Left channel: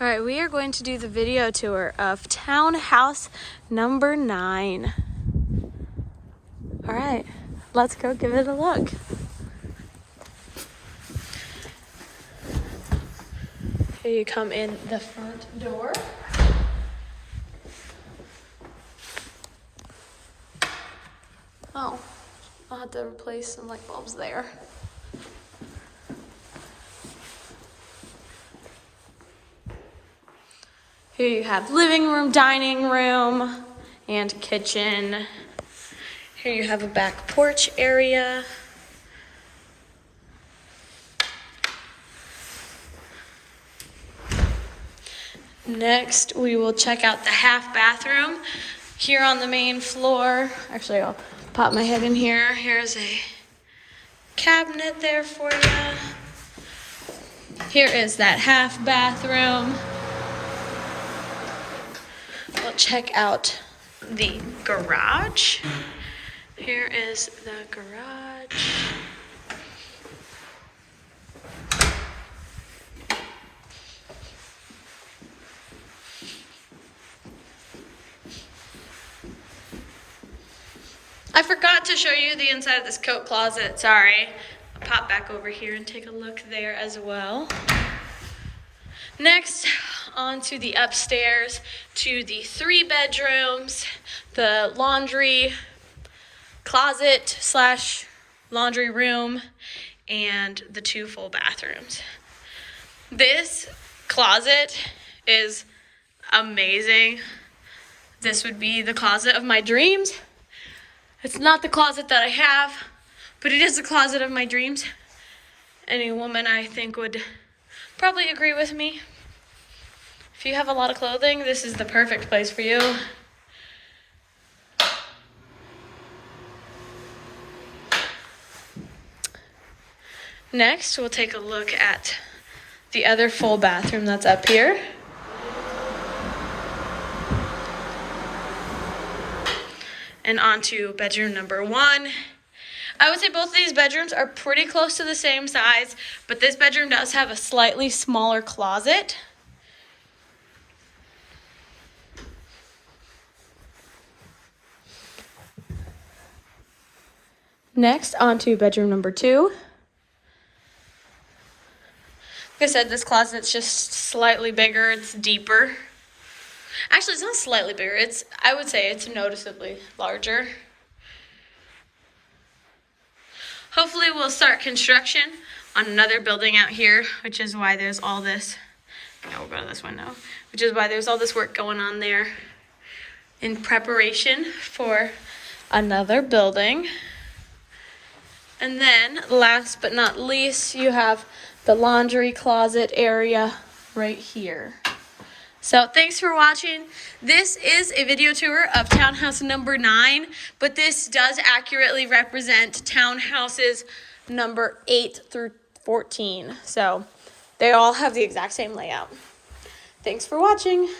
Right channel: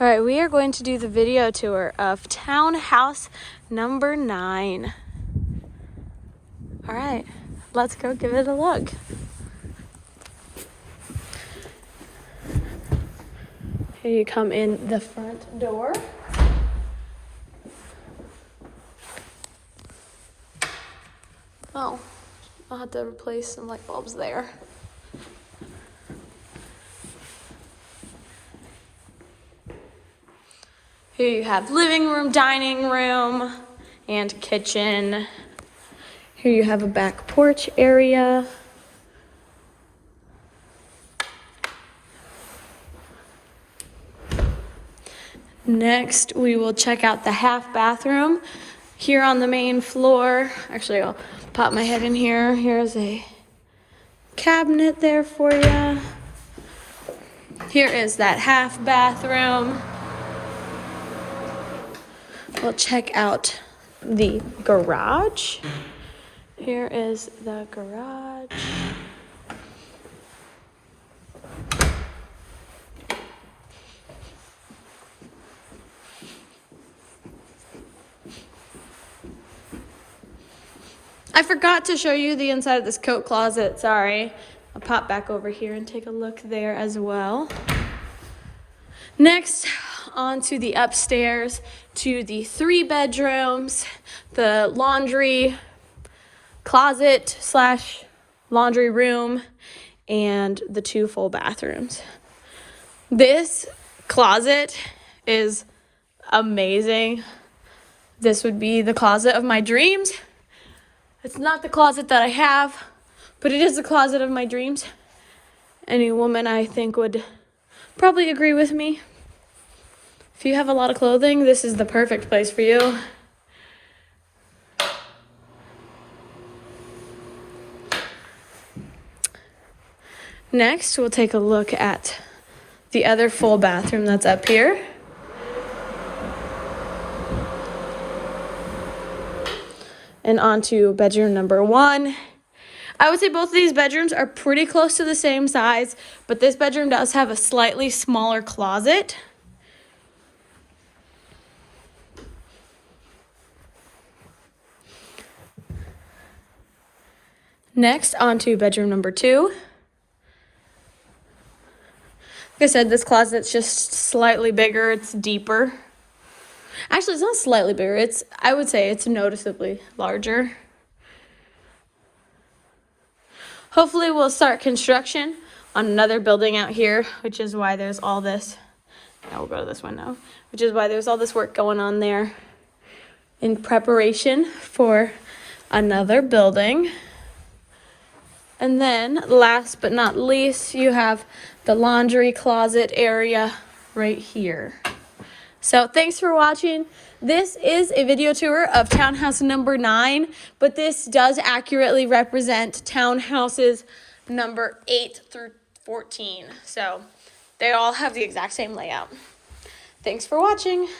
All right, we are going to do the video tour of townhouse number 9. All right, let's go give it a look. Here you come in the front door. Oh, I'll have to replace some light bulbs there. Here you have living room, dining room, and kitchen. Here you have a back porch area. Next, we will check out the half bathroom here on the main floor. Actually, I'll pop my head in here. Here's a cabinet there for you. Here is that half bathroom. We'll check out the garage. Here is the garage. I forgot to show you the inside of this coat closet, sorry. I'll pop back over here and take a look there as well. Next, on to the upstairs, to the 3 bedrooms, the laundry closet slash laundry room, and the 2 full bathrooms. This closet is amazing. This would be the closet of my dreams. It's not the closet that I have, but it is the closet of my dreams. Any woman, I think, would probably agree with me. If you have a lot of clothing, this is the perfect place for you. Next, we'll take a look at the other full bathroom that's up here. And on to bedroom number 1. I would say both of these bedrooms are pretty close to the same size, but this bedroom does have a slightly smaller closet. Next, on to bedroom number 2. Like I said, this closet's just slightly bigger, it's deeper. Actually, it's not slightly bigger, I would say it's noticeably larger. Hopefully we'll start construction on another building out here, which is why there's all this. We'll go to this window, which is why there's all this work going on there in preparation for another building. And then, last but not least, you have the laundry closet area right here. So thanks for watching. This is a video tour of townhouse number 9, but this does accurately represent townhouses number 8 through 14. So they all have the exact same layout. Thanks for watching.